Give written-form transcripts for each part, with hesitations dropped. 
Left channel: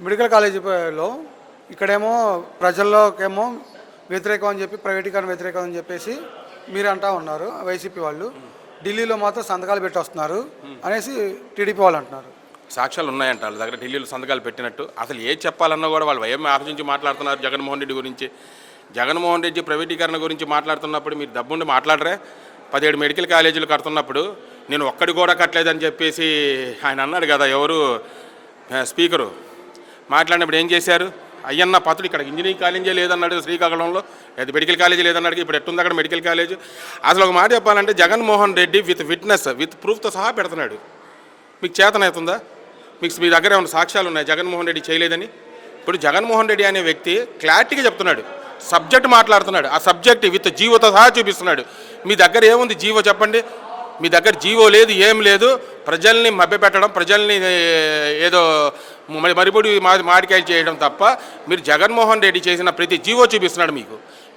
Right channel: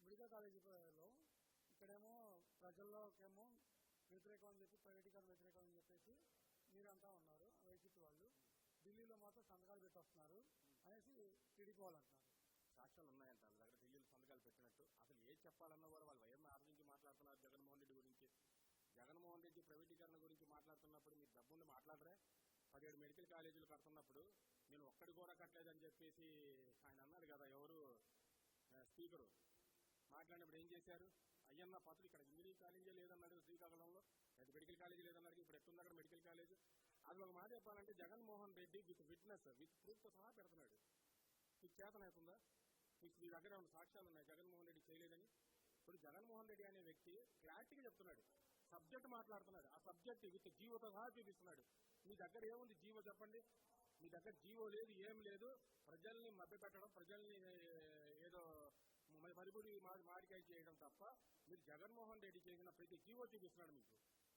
Medical కాలేజీలో ఇక్కడేమో ప్రజల్లోకేమో వ్యతిరేకం అని చెప్పి ప్రైవేటీకరణ వ్యతిరేకం అని చెప్పేసి మీరు అంటా ఉన్నారు వైసీపీ వాళ్ళు. ఢిల్లీలో మాత్రం సంతకాలు పెట్టి వస్తున్నారు అనేసి టీడీపీ వాళ్ళు అంటున్నారు. సాక్ష్యాలు ఉన్నాయంట వాళ్ళ దగ్గర, ఢిల్లీలో సంతకాలు పెట్టినట్టు. అసలు ఏం చెప్పాలన్నా కూడా వాళ్ళు ఏం ఆలోచించి మాట్లాడుతున్నారు జగన్మోహన్ రెడ్డి గురించి. జగన్మోహన్ రెడ్డి ప్రైవేటీకరణ గురించి మాట్లాడుతున్నప్పుడు మీరు డబ్బుండి మాట్లాడరే. 17 మెడికల్ కాలేజీలు కడుతున్నప్పుడు నేను ఒక్కడి కూడా కట్టలేదని చెప్పేసి ఆయన అన్నాడు కదా, ఎవరు స్పీకరు మాట్లాడినప్పుడు ఏం చేశారు? అయ్యన్న పాత్రుడు ఇక్కడ ఇంజనీరింగ్ కాలేజీ లేదన్నాడు, శ్రీకాకుళంలో అది మెడికల్ కాలేజీ లేదన్నాడు. ఇప్పుడు ఎట్టుంది అక్కడ మెడికల్ కాలేజ్? అసలు ఒక మాట చెప్పాలంటే Jaganmohan Reddy with witness with ప్రూఫ్తో సహా పెడుతున్నాడు. మీకు చేతనవుతుందా? మీ దగ్గర ఏమైనా సాక్ష్యాలు ఉన్నాయి జగన్మోహన్ రెడ్డి చేయలేదని? ఇప్పుడు జగన్మోహన్ రెడ్డి అనే వ్యక్తి క్లారిటీగా చెప్తున్నాడు, సబ్జెక్ట్ మాట్లాడుతున్నాడు, ఆ సబ్జెక్ట్ విత్ జీవోతో సహా చూపిస్తున్నాడు. మీ దగ్గర ఏముంది జీవో చెప్పండి? మీ దగ్గర జీవో లేదు, ఏం లేదు. ప్రజల్ని మభ్యపెట్టడం, ప్రజల్ని ఏదో మరిపొడి మాడికాయలు చేయడం తప్ప మీరు జగన్మోహన్ రెడ్డి చేసిన ప్రతి జీవో చూపిస్తున్నాడు.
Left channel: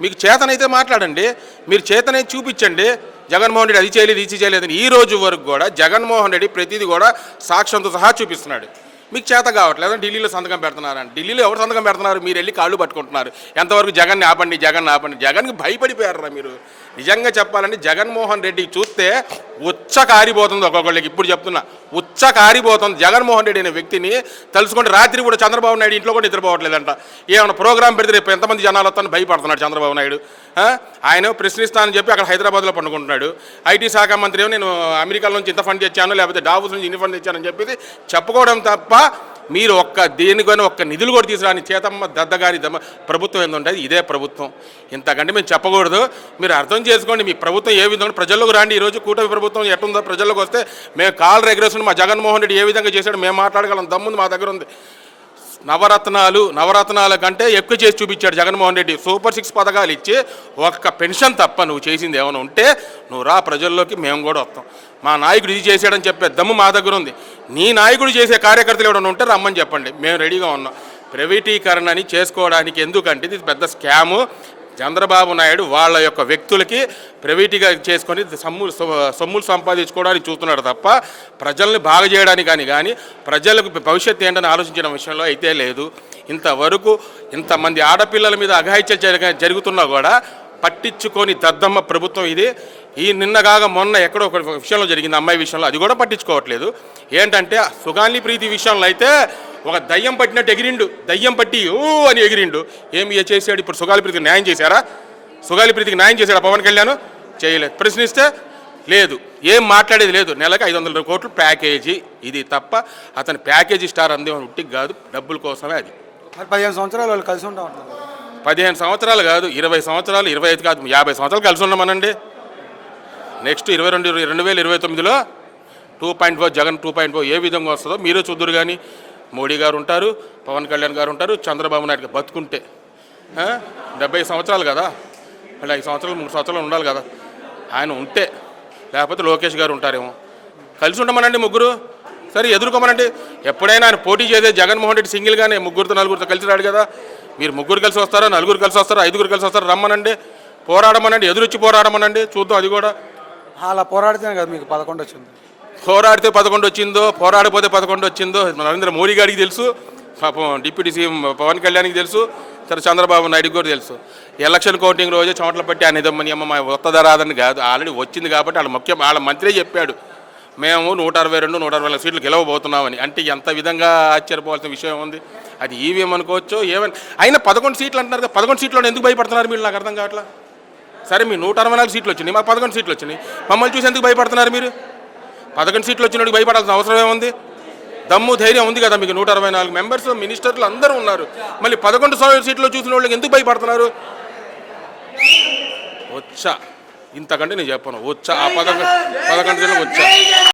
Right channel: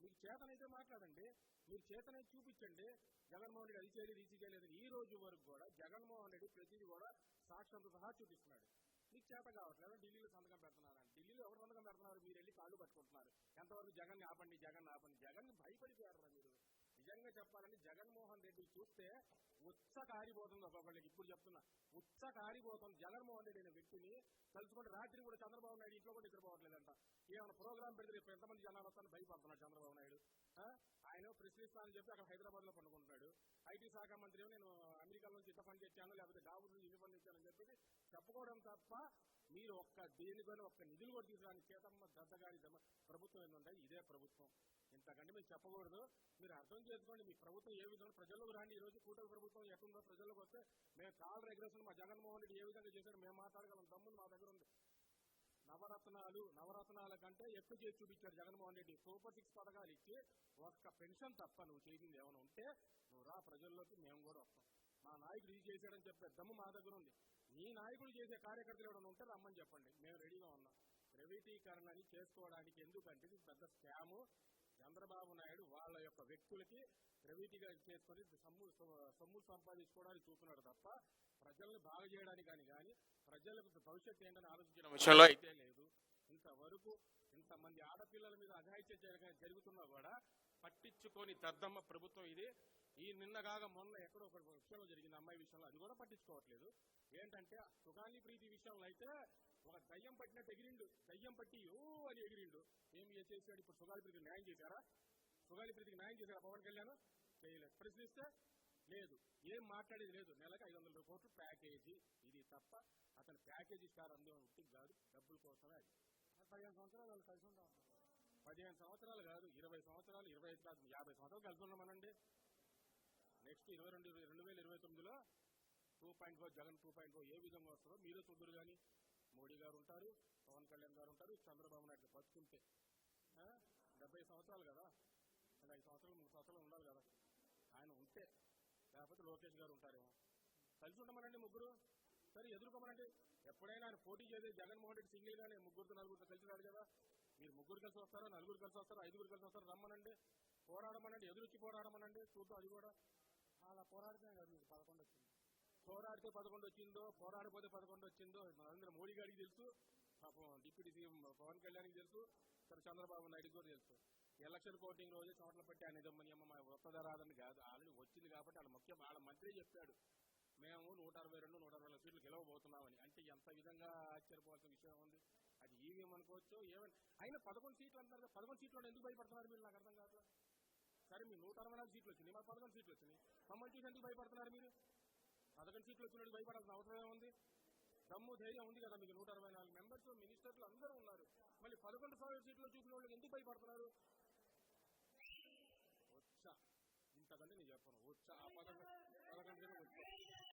మీకు చేతనైతే మాట్లాడండి, మీరు చేతనైతే చూపించండి. జగన్మోహన్ రెడ్డి అది చేయలేదు, ఇది చేయలేదని ఈ రోజు వరకు కూడా జగన్మోహన్ రెడ్డి ప్రతిదీ కూడా సాక్ష్యంతో సహా చూపిస్తున్నాడు. మీకు చేత కావట్లేదు. ఢిల్లీలో సంతకం పెడుతున్నారని. ఢిల్లీలో ఎవరు సంతకం పెడుతున్నారు? మీరు వెళ్ళి కాళ్ళు పట్టుకుంటున్నారు. ఎంతవరకు జగన్ని ఆపండి, జగన్ ఆపండి. జగన్కి భయపడిపోయారా మీరు? నిజంగా చెప్పాలంటే జగన్మోహన్ రెడ్డి చూస్తే ఉచ్చ కారిపోతుంది ఒక్కొక్కళ్ళకి. ఇప్పుడు చెప్తున్నా, ఉచ్చ కారిపోతుంది. జగన్మోహన్ రెడ్డి అనే వ్యక్తిని తలుసుకుంటే రాత్రి కూడా చంద్రబాబు నాయుడు ఇంట్లో కూడా నిద్రపోవట్లేదంట. ఏమైనా ప్రోగ్రాం పెడితే రేపు ఎంతమంది జనాలు వస్తాను భయపడుతున్నాడు చంద్రబాబు నాయుడు. ఆయన ప్రశ్నిస్తానని చెప్పి అక్కడ హైదరాబాద్లో పండుకుంటున్నాడు. ఐటీ శాఖ మంత్రి ఏమో నేను అమెరికా నుంచి ఇంత ఫండ్ తెచ్చాను, లేకపోతే డావోస్ నుంచి ఇన్ని ఫండ్ తెచ్చానని చెప్పేసి చెప్పుకోవడం తప్ప మీరు దేనికైనా ఒక్క నిధులు కూడా తీసుకురాని చేతమ్మ దద్దగారి ప్రభుత్వం ఏంటంటే ఇదే ప్రభుత్వం. ఇంతకంటే మేము చెప్పకూడదు. మీరు అర్థం చేసుకోండి, మీ ప్రభుత్వం ఏ విధంగా ప్రజల్లోకి రండి. ఈరోజు కూటమి ప్రభుత్వం ఎట్టుందో ప్రజల్లోకి వస్తే మేము కాల్ రెగ్యులేషన్ మా జగన్మోహన్ రెడ్డి ఏ విధంగా చేశాడు మేము మాట్లాడగలం దమ్ముంది మా దగ్గర ఉంది. నవరత్నాల కంటే ఎక్కువ చేసి చూపించాడు జగన్మోహన్ రెడ్డి. సూపర్ 6 పథకాలు ఇచ్చి ఒక్క పెన్షన్ తప్ప నువ్వు చేసింది ఏమైనా ఉంటే నువ్వు రా, ప్రజల్లోకి మేము కూడా వస్తాం. మా నాయకుడు ఇది చేశాడని చెప్పే దమ్ము మా దగ్గర ఉంది. నీ నాయకుడు చేసే కార్యకర్తలు ఎవరైనా ఉంటే రమ్మని చెప్పండి, మేము రెడీగా ఉన్నాం. ప్రైవేటీకరణని చేసుకోవడానికి ఎందుకంటే ఇది పెద్ద స్కాము. చంద్రబాబు నాయుడు వాళ్ళ యొక్క వ్యక్తులకి ప్రైవేటీగా చేసుకొని సొమ్ములు సంపాదించుకోవడానికి చూస్తున్నాడు తప్ప ప్రజల్ని బాగు చేయడానికి కానీ ప్రజలకు భవిష్యత్తు ఏంటని ఆలోచించిన విషయంలో అయితే లేదు. ఇంతవరకు ఇంతమంది ఆడపిల్లల మీద అఘాయిత్యాలు జరుగుతున్నా కూడా పట్టించుకొని దద్దమ్మ ప్రభుత్వం ఇది. ఈ నిన్నగాగా మొన్న ఎక్కడో ఒక విషయంలో జరిగింది, అమ్మాయి విషయంలో, అది కూడా పట్టించుకోవట్లేదు. ఏంటంటే సుగాలి ప్రీతి విషయంలో అయితే ఒక దయ్యం పట్టినట్టు ఎగిరిండు, దయ్యం పట్టి ఓ అని ఎగిరిండు. ఏమి చేశాడు? ఇప్పుడు సుగాలి ప్రీతికి న్యాయం చేశారా? సుగాలి ప్రీతికి న్యాయం చేశాడా పవన్ కళ్యాణ్? చేయలేదు. ప్రశ్నిస్తే లేదు, ఏం మాట్లాడేది లేదు. నెలకు 500 కోట్లు ప్యాకేజీ, ఇది తప్ప అతని ప్యాకేజీ స్టార్ అందేమని ఉట్టికి కాదు, డబ్బుల కోసమే. అది 15 సంవత్సరాలు వాళ్ళు కలిసి ఉంటాం. 15 సంవత్సరాలు కాదు, 20 సంవత్సరాలు, 25 కాదు, 50 సంవత్సరాలు కలిసి ఉన్నామనండి. నెక్స్ట్ 2029లో 2.4 జగన్ 2.4 ఏ విధంగా వస్తుందో మీరే చూద్దరు. కానీ మోడీ గారు ఉంటారు, పవన్ కళ్యాణ్ గారు ఉంటారు, చంద్రబాబు నాయుడు బతుకుంటే 70 సంవత్సరాలు కదా, మళ్ళీ 5 సంవత్సరాలు 3 సంవత్సరాలు ఉండాలి కదా ఆయన ఉంటే. లేకపోతే లోకేష్ గారు ఉంటారేమో. కలిసి ఉండమనండి ముగ్గురు, సరే ఎదుర్కోమనండి. ఎప్పుడైనా ఆయన పోటీ చేసే జగన్మోహన్ రెడ్డి సింగిల్గానే 3 4 కలిసి రాడు కదా. మీరు 3 కలిసి వస్తారా, 4 కలిసి వస్తారా, 5 కలిసి వస్తారా, రమ్మనండి, పోరాడమనండి, ఎదురొచ్చి పోరాడమనండి, చూద్దాం. అది కూడా అలా పోరాడితేనే కదా మీకు 11 వచ్చింది. పోరాడితే 11 వచ్చిందో, పోరాడిపోతే 11 వచ్చిందో నరేంద్ర మోడీ గారికి తెలుసు, పాపం డిప్యూటీ సీఎం పవన్ కళ్యాణ్కి తెలుసు, సరే చంద్రబాబు నాయుడుకి కూడా తెలుసు. ఎలక్షన్ కౌంటింగ్ రోజే చెమటలు పట్టి ఆయన ఇదమ్మని అమ్మ వస్తుందా రాదని కాదు, ఆల్రెడీ వచ్చింది కాబట్టి వాళ్ళ మంత్రే చెప్పాడు మేము 162 164 సీట్లు గెలవబోతున్నామని. అంటే ఎంత విధంగా ఆశ్చర్యపోవాల్సిన విషయం ఉంది. అది ఈవీఎం అనుకోవచ్చు ఏమని అయినా 11 సీట్లు అంటున్నారు కదా. 11 సీట్లో ఎందుకు భయపడుతున్నారు మీరు? నాకు అర్థం కావట్లా. సరే మీ 164 సీట్లు వచ్చినాయి, మాకు 11 సీట్లు వచ్చినాయి, మమ్మల్ని చూసి ఎందుకు భయపడుతున్నారు మీరు? 11 సీట్లు వచ్చినప్పుడు భయపడాల్సిన అవసరం ఏముంది? దమ్ము ధైర్యం ఉంది కదా మీకు. 164 మెంబర్స్, మినిస్టర్లు అందరూ ఉన్నారు. మళ్ళీ 11 సీట్లు చూసిన వాళ్ళకి ఎందుకు భయపడుతున్నారు? వచ్చా ఇంతకంటే నేను చెప్పను. వచ్చా ఆ 11 సీట్లు వచ్చా.